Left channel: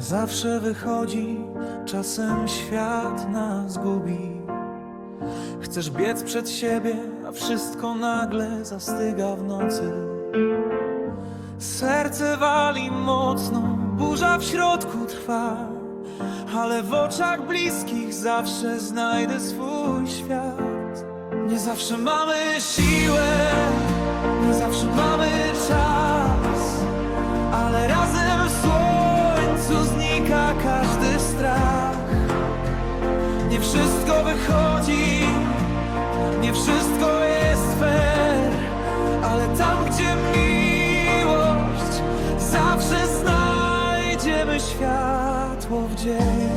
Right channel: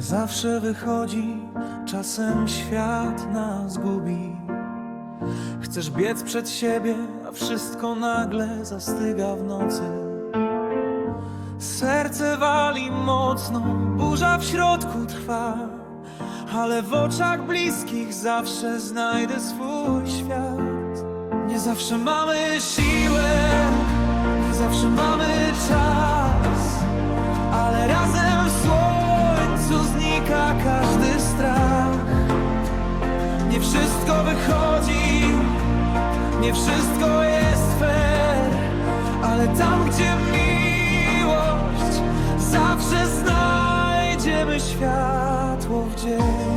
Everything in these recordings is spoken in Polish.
zawsze wychodzi, czasem świat nas gubi. Chcesz biec przed siebie, a wszystko nagle zastyga w nocy. Serce wali mocno, burza w środku trwa, ale w oczach bliskich zawsze znajdę swój świat. Nie zawsze mamy siłę, nie zawsze mamy czas, ale razem w słońcu znika każdy strach. Nie wszystko wychodzi, nie wszystko jest fair, ale tam, gdzie miłość, zawsze znajdziemy światło w dzień.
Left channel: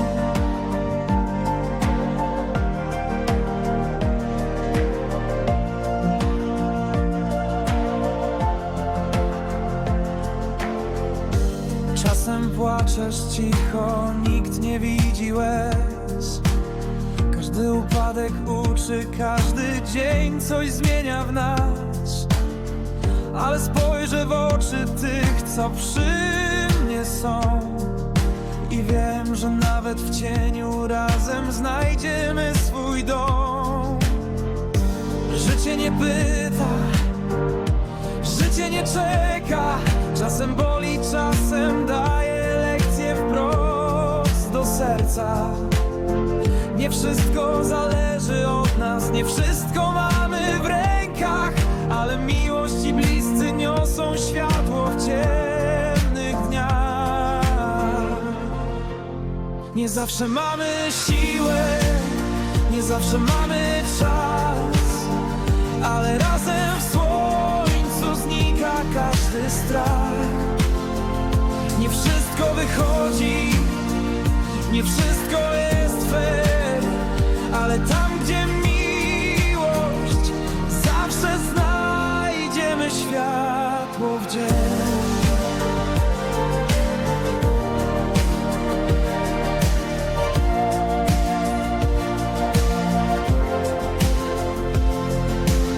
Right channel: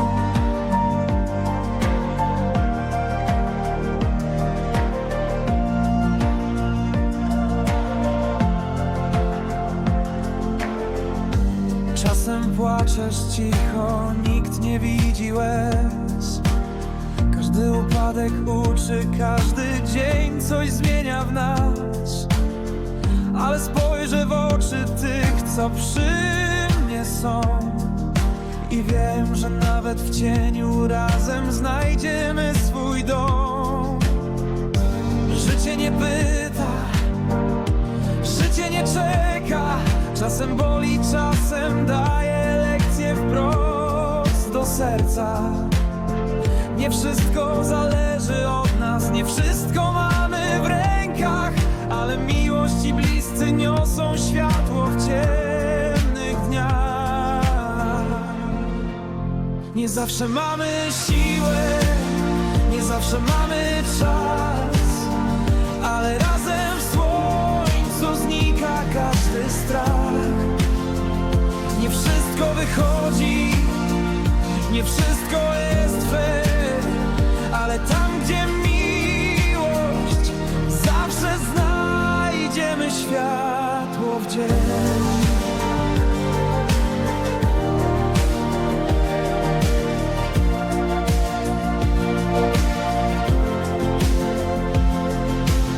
Czasem płaczesz cicho, nikt nie widzi łez. Każdy upadek uczy, każdy dzień coś zmienia w nas. Ale spojrzę w oczy tych, co przy mnie są. I wiem, że nawet w cieniu razem znajdziemy swój dom. Życie nie pyta, Życie nie czeka, czasem boli, czasem do serca. Nie wszystko zależy od nas, nie wszystko mamy w rękach, ale miłość i bliscy niosą światło w ciemnych dniach. Nie zawsze mamy siłę, nie zawsze mamy czas, ale razem w słońcu znika każdy strach. Nie wszystko wychodzi, nie wszystko jest fair, ale tam, gdzie miłość, zawsze znajdziemy światło w dzień.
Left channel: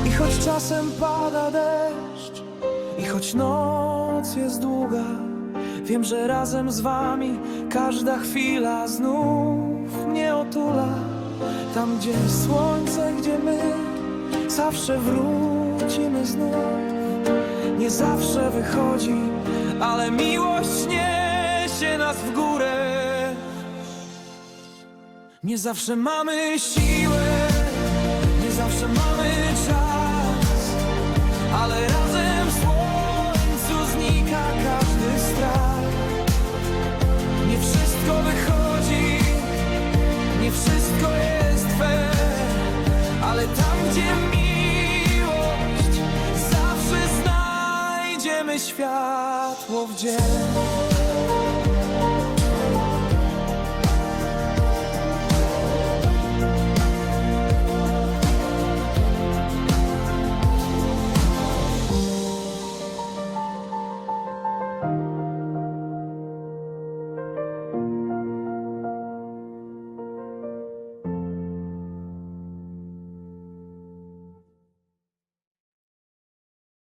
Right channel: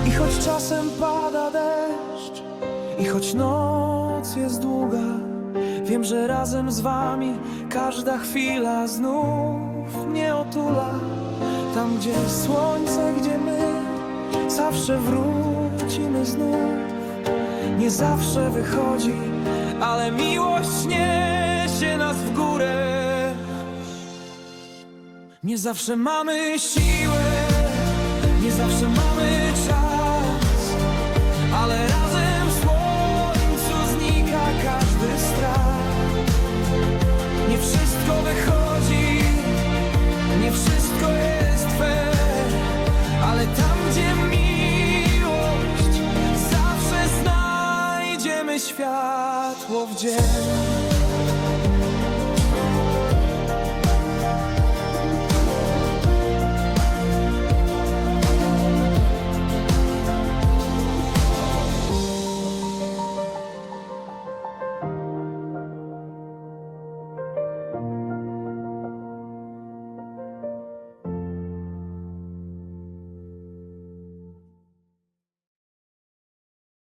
I choć czasem pada deszcz, i choć noc jest długa, wiem, że razem z wami każda chwila znów mnie otula. Tam, gdzie słońce, gdzie my, zawsze wrócimy znów. Nie zawsze wychodzi, ale miłość niesie nas w górę. Nie zawsze mamy siłę, nie zawsze mamy czas, ale razem każdy strach. Nie wszystko wychodzi, nie wszystko jest fair, ale tam, gdzie miłość, zawsze znajdziemy światło w dzień.